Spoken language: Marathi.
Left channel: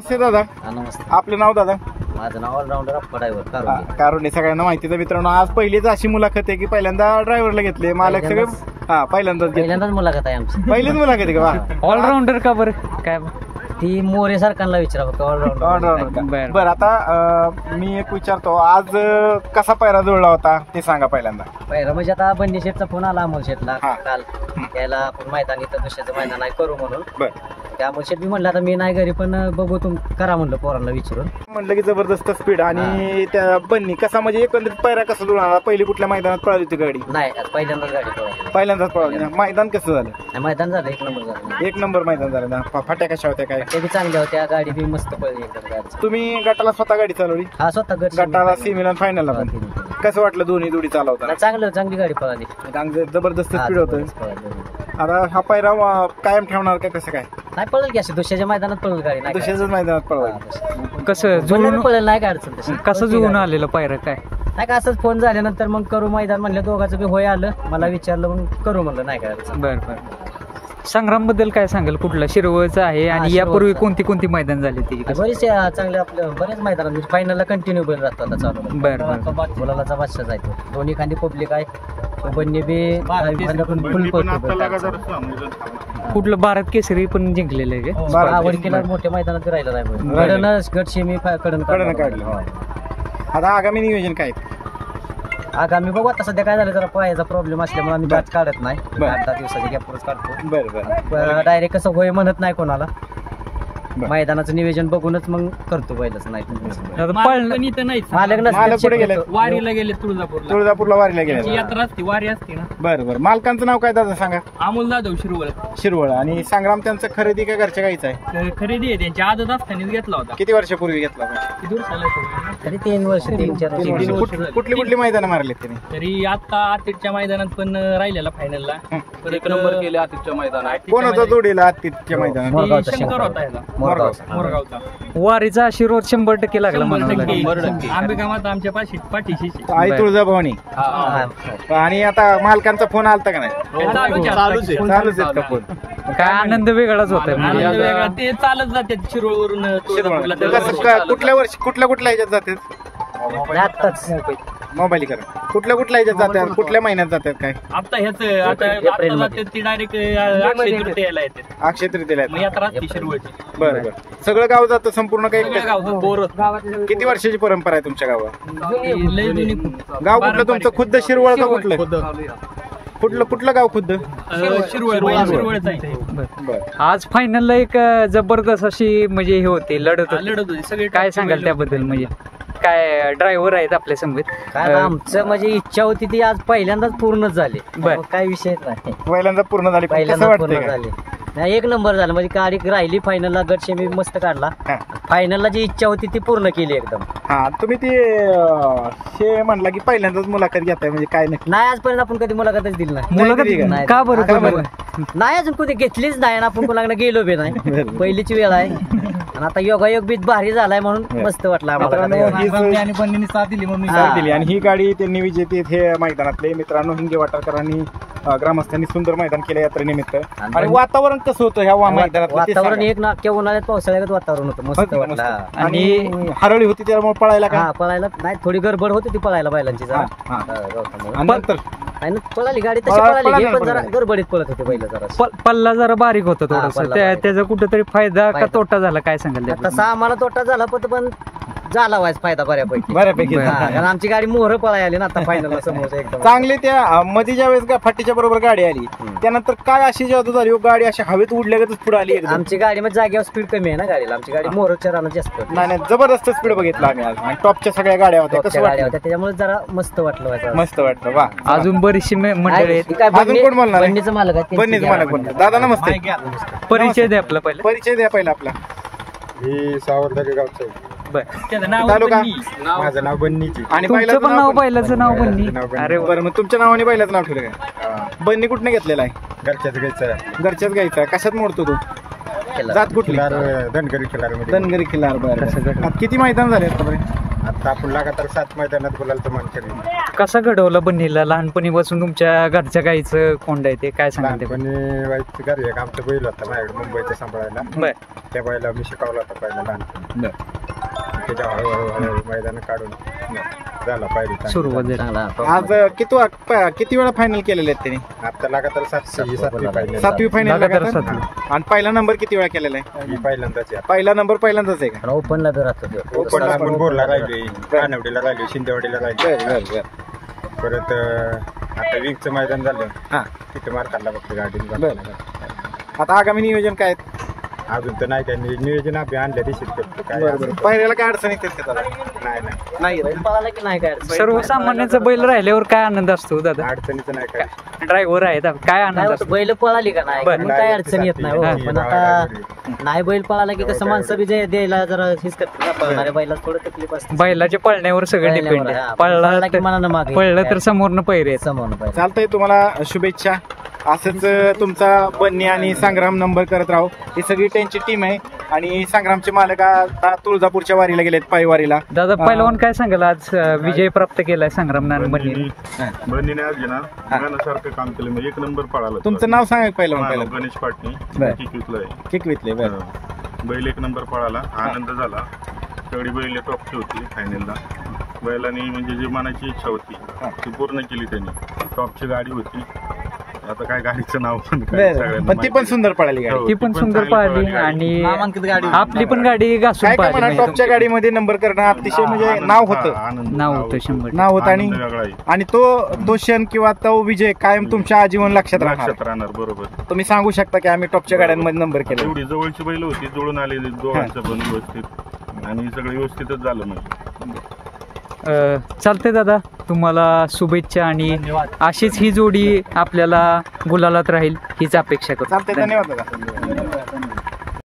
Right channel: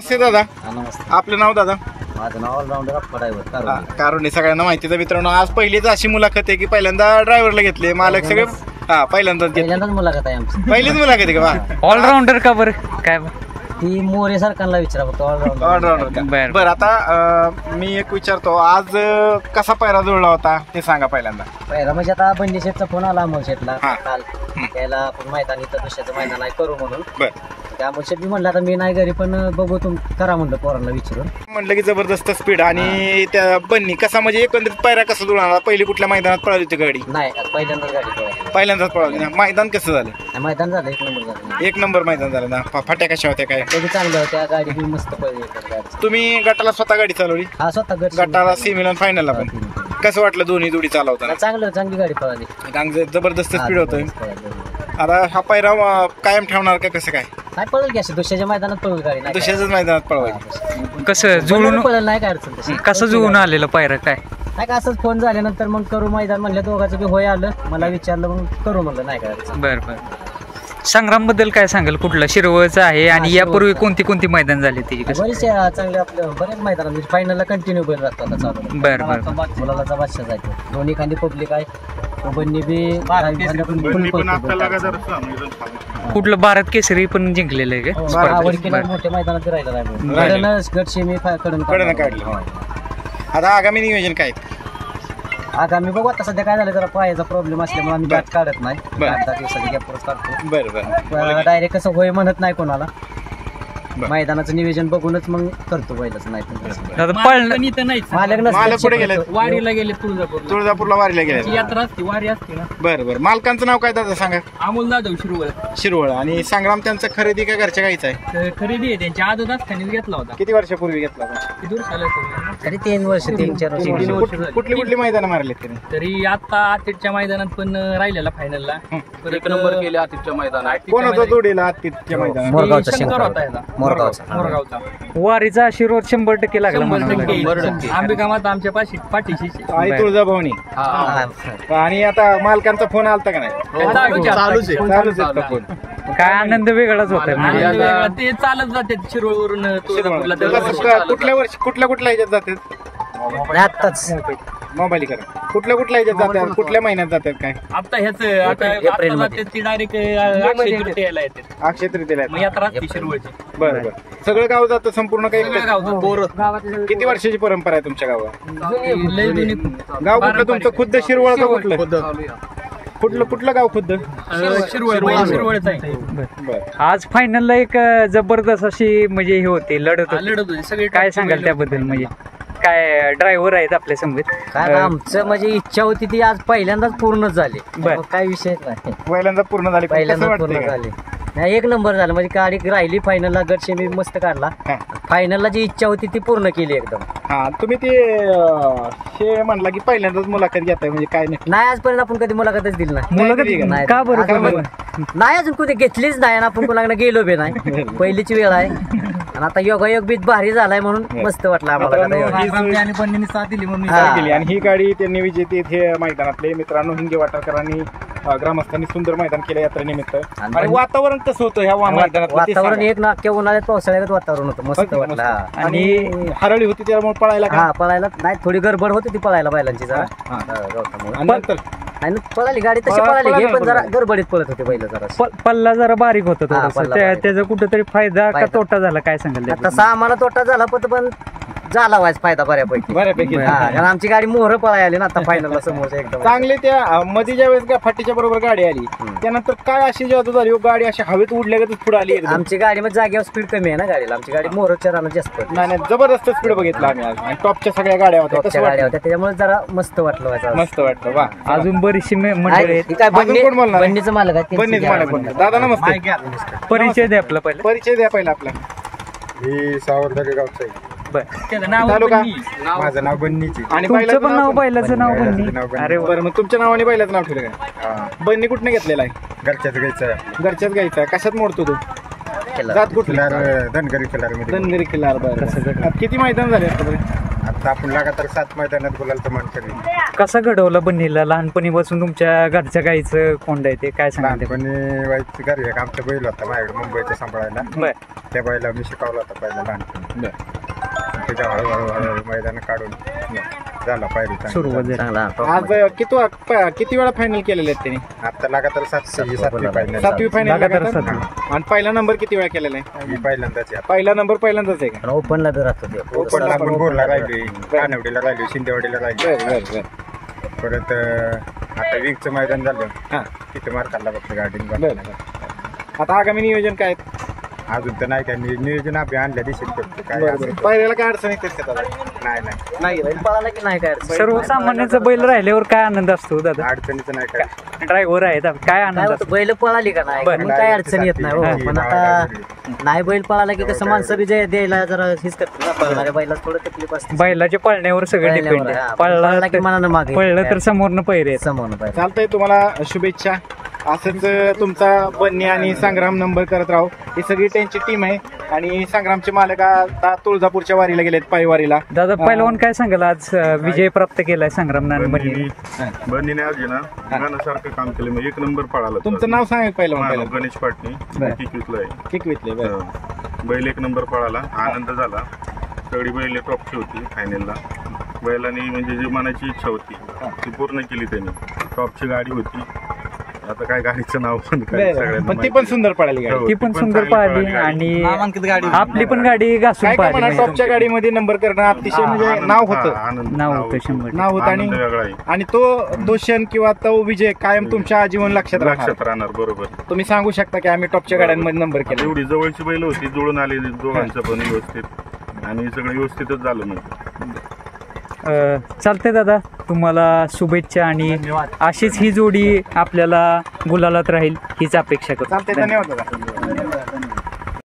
नमस्ते दादा. नमस्ते. आपलं नाव दादा? माझं नाव ऑलराऊंडर अप्पा ड्रायव्हर कारुंडे. सगळ्यांना माहितीचं मित्रांनो, आज पहिलीच अशी मुलाखत आहे की पहिल्यांदा ड्रायव्हरला घेतले मालक सगळे. पहिल्यांदाच मुलाखत आहे आमची. पहिलीच मुलाखत आहे का? ऑलराऊंडर का बरं? काय ती मोरे सरकारला विचारा फक्त ऑलराऊंडर. बरं, आता मी एक विचारतो, आज कसा पायरा जुळला होता ते सांगा पहिल्यांदा. पहिला म्हणजे आता बंडी शेटचा फोन आला अमोल शेटला हा. काल. त्याला आपण मैदान इथं दुसऱ्याचं मैदान आहे करू म्हणून. बरं, त्या अमोल शेट मी म्हणलं आता मी नाही घरी पण बघू करा म्हणलं पोरांना विचारून. म्हणलं की जबरदस्त स्पीड आणि त्या बन्नी कसा म्हणजे एकंदरीत पायरा कसा जुळला? पहिली कुठल्या मैदानात पळाली होती गाडी? नाही पहिल्यांदाच गाडी पळवली. पहिल्यांदाच पळाली. मैदान कसं झालं? मैदान झालं 1 नंबर झालं. 1 नंबर मैदान झालं ना. फाट्या कशा होत्या काय? ते चांगल्या होत्या, गाडी बी मस्त पळली गाडी. तुम्ही गटाला स्वतः गाडी चालवली? हा स्वतः गटाला सेमीला फायनलला पण कसं वाटलं? दोन्ही जोडी चालवताना चांगली गाडी पळाली. जबरदस्त स्पीड होतोय. आता हा पायरा कायम ठेवणार का कसं काय? नाही पळेल की अशी दुसऱ्याच्या मैदानात पळेल गाडी. नाही दुसऱ्याच मैदानात पळवायची. कसं जुळून पळेल नाही काय अडचण तशी. कसं जुळून आलेलं पायरा काय? नाही का असंच फोन झाल्यानंतर मग करू मैदान म्हणलं, दोघांचं बी होय आलं. मला विचारलं मग करू म्हणलं, नाही काय अडचण. बरं बरं. संग्राम बद्दल काय सांगाल? कुठलं? शिरवळचं आहे आणि यापूर्वी कोणती मैदान झाली त्याची? बरेचसे चांगले आपलं बरेच मैदान फायनलला कंटिन्यू बैल राहतो आता चालू. बरं बरं. मुलाचा बादशाह जायतो. दोन्ही खांदी पब्लिक आहे. बन्नी बी फुल कुठलं? भारत केसरी पण जिंकलेलं आहे का? आवडकीला मोठ्या मैदानात राहिला नाही. गट सेमी कडन काढलं. आता आगामी नियोजन काय? आगामी बघू आता सध्या काय झालं, जरा पायाचा प्रॉब्लेम असल्यामुळे आम्ही गाठ काढत नाही. 8-10 दिवसाच्या गॅपवरच काढतो. बरं. डायरेक्ट कसं होय म्हणत नाही कोणाला. मैदानाचं नियोजन बघूनच मग करतो बैलाचं. नाही वारीला गेले तुळजापूरला वारीला गेले. यात्रा असते, वारी असते ना. बरं. मालकांचं नाव काय दादा सांगा? अमोल जाधव शिरवळ. आणि संग्राम त्यांचं खरेदी का घरच्या गाईचं आहे? खरेदी आहे त्यांची. आदत असताना घेतला होता. किती वर्षापूर्वी घेतला होता? दूर झालं तरी 3 वर्ष 3-4 वर्ष. कुठली मैदान मारले त्यांनी? तरी आता आतिथच्या मैदानात पण राहिलेला फायनलला. परत नंबर केले आतिथच्या मैदानात. कोणाचा जोडीला आतिथ्य मैदान? शंकर होता याला, मोरगावचा. वारीचा आशीर्वाद 100% लागला. 100%. आंबिका माता आमच्या पाठीशी. आई तुळजाभवानी. आणि आता मालकांचा फोन आलता का नाही? चालूच आहे फोन. काय आनंद वेगळाच होता. ते चालत जाते शिरोळवरून तुळजापूरला. कुठल्या ह्याच्यात जातात? मोबाईल करा. कुठल्या ह्याच्यात जातात? कुठल्या महिन्यात जातात काय? आता ह्याच आता जाते ती डायरेक्ट अक्षय तृतीयेला येते. अक्षय तृतीयेला मग यात्रा असते शिरवळची. बरं. सगळं गाव जातं संपूर्ण काही? किती वर्षाची परंपरा आहे तुमच्या गावात? लय जुनी. गाव कुठलं तुमचं? खुद्द शिरवळ का? कुठलं गाव खुद्द? शिरवळच आहे. आज फायनलला एक जबरदस्त अशी म्हणजे हे होते, लढत होती सगळे. काय सांगाल त्याबद्दल? म्हणजे काय ड्रायव्हर आहेत आपल्या समोर? काय आमचं म्हणजे इच्छा होती ती आज पहिल्यांदाच पूर्ण झाली. काय विषय नाही. पहिल्यांदा पूर्ण झाली. पहिल्यांदा पूर्ण झाली. नाही 1 नंबर झालं. म्हणजे गाडी राहिली फायनलला. गट सेमी मस्त काढला. फायनलला जी इच्छा होती ती पूर्ण केली एकदम. हा, तुम्ही ते म्हणला की पहिल्यांदाच मुलाखत घेताय म्हणजे काय नाही आजपर्यंत आपण कधी मुलाखतच दिली नाही. मुलाखत का बरं? नाही अजून कुठे घेतलीच नाही आणि आपण कोणाकडे गेलो बी नाही. पहिलीची वेळ आहे आणि आता योगायोग बी भारी झालाय म्हणून मस्त वाटलं आम्हाला. आणि बन्नीने साथ दिली म्हणून केली. आणि ही गाडी त्यांनी विजेते हे मैदानातले मित्रांनो हिंगे वाटाकरांनी ग्रामस्थांनी सुंदर मैदान केलं यात्रेनिमित्त. आणि वातावरण कसं होतं ह्या वातावरण? एक नाक्या उन्हाळ्यात पावसाळ्यात वातावरण होतं, मस्त वाटलं. आणि हरळी होती त्यामुळे पळायला पळायला नाही, थोडी गडबड होती ती पळायला बैलांची जरा गवतामुळे. नाही पळाली गाडी तशी पळाली घे, पण जरा गडबडीत पळत होते बैल. जरा पल्ला जरा बारीक होता त्याचा कुठेतरी फायदा का तोटा झाला? काय सांगाल? तसा आम्हाला तोटा झाला पण झाला व्हायचा फायदा बऱ्यापैकी. कारण आमची गाडी मोहर पळाय आली ना आता फायनलला समोर एकदम चांगली. त्या मध्ये ज्या वेळेस फाटीच्या बरोबर गाडी आली त्यानंतर काय अशी जादू झाली? गाडी अशी हवेत उडल्यागतच पुढे आली. आमची गाडी मध्ये जागेवर स्पीड कमी आहे ना गाडीला. आमची गाडी मोहरच्या रानात जास्त पडली. नाही जबरदस्त स्पीड बघितला आम्ही आज. आणि टॉपच्या सगळ्या गाड्या होत्या. त्याच्यामुळे जरा मस्त वाटलं. मस्त वाटलं. वा. अजून बरीचशी मंडळी. बन्नीचं मालक आहे. दादा नमस्ते. परिचय द्या आपला पहिला. परिचय द्या पहिला आपला. ही सावरदगा गावचं आहे. माझं नाव बन्नीची. आणि तुमचं पण नाव बैलाचं नाव बन्नी? अरे बरं. मग तुमच्या नावाने बैलाचं नाव ठेवलं काय? बन्नी कुठनं घेतलेला आहे? घरच्याच गायचं आहे. घरच्याच गायचा. कशात मोडतो तू? खिल्लार. जात कुठली खिलार धनगरी खिलार मध्ये धनगरी खिल्लार. कसं बरं घडवलं? आता किती मैदान झाले आतापर्यंत? आता आपण लगातार 7 मैदानात गुलालचं मान करेल. कसा घडवलं बन्नीला लहानपणीपासून तुमच्या घरच्या गाईचं कोंड आहे ते काय सांगाल ते? लहानपणी व्हायचं घरी एक आमचा बैल होता माझ्याकडे मुंबईचा सांभाळायला. बर त्या बैला मी शिकवला होता पहिला लहानपणी. त्याच्या हळूहळू मैदान काढून झाला पायरी सुरुवात झाली. चांगला top आज मध्ये. किती वेळा फायनल केलेले आहेत त्यांनी? आता लगातार 7वी फायनल. 7वी फायनल लगातार 7वी. आणि पहिला नंबर किती वेळा केलेला आहे? ही पहिल्यांदाच आहे. पहिला नंबर पहिल्यांदाच आहे का? आणि ओपनला बी राहतो ते. ओपनला आपण बोरला राहिलोय, कानवडीला राहिलोय, शिंदेवाडीला राहिलोय. परत आता विंगचं मैदान झालं हा. तिथे मार खाल्ला फक्त गाडी. आता आगामी नियोजन काय आहे? अजून तर नाही काय नियोजन आपण आणल्या दिवशीच करतो काय असेल ते. पहिल्याला काय अडचण येते का दादा? नाही बैल पळाला की नाही काय अडचण? सर्वसामान्यांचा बैल राहिल्यावर काय आनंद असतो दादा? अडचणीचं नाही काय. ड्रायव्हर आहे काय काय आनंद होतं, असतो? बैल पळाली का नाही बरं. मग काय अडचण येत नाही हो. हा. पण आता नाही बैल पळाला की कसं माणसं बी द्यायला जरा हेच करतात ना, पळणाऱ्या बैला थोडं तकलीफ असते. बैलाच्या पळण्यावर सगळं डिपेंड पळण्यावर, आहे. हा. पळाला की मनानं मागे पळलं तर समोरनं पैरे आहेत. समोर पाहिजे. चालतंय, तुम्हाला शुभेच्छा. असंच तुमचा बन्नी आणि संग्राम नंबर करत राहू. ही सगळी त्यांची टीम आहे आणि संग्रामचे मालक आता तुळजापूरच्या वारीला गेलेत, पायवारीला. दादा पहिलवान काय सांगाल आज विजय प्राप्त केलाय संग्राम बन्नी? बन्नीने आज ना गाण्यासारखं काम केलं. मग 1 नंबर पळाला. तुमचं नाव सांगा पहिलं. मानव गणेश पाटणी बरं. किकवीतला आहे. किकवीतले. बरं. बैल 1 नंबर पळाला. आनंद झाला. सगळी बैल टॉपची होती फायनलला. बैलांनी म्हणजे जी मनाची इच्छा होती ती पूर्ण केली त्यांनी. टॉपची गाडी होती. आता काय गाडीचं नाव पण काय बरं. सगळ्यांना पण ती पण माहिती. सुंदर पळाली गाडी. हो, ती पण सुंदर चांगली पाहिली गाडी. आणि आपली पण गाडी घासून काय का पाहिली म्हणा, म्हणजे टॉपच्या गाडीमध्ये नंबर करणं अतिशय म्हणजे आनंद- नाव होतं. हा, आनंद- नाव होतं 100. नाव होतं आनंद आणि वेगळा आहे. आणि तो क्षण किंवा तो विजय कायम तुमच्या आजीवन लक्षात राहणार. लक्षात राहणार. बरोबर. तुम्ही सांगू शकता की आम्ही टॉपच्या गाड्यांमध्ये नंबर आता केला. एवढी जवळची बैल होती, जुळून आलेली दोघांचं पण व्यवस्थित आणि सगळं व्यवस्थितच झालं म्हणजे. चालतंय दादा, तुम्हाला शुभेच्छा आणि अशीच ही जोडी आपल्याला गुलालात राहील हीच अपेक्षा करतो. चालतंय, धन्यवाद दादा.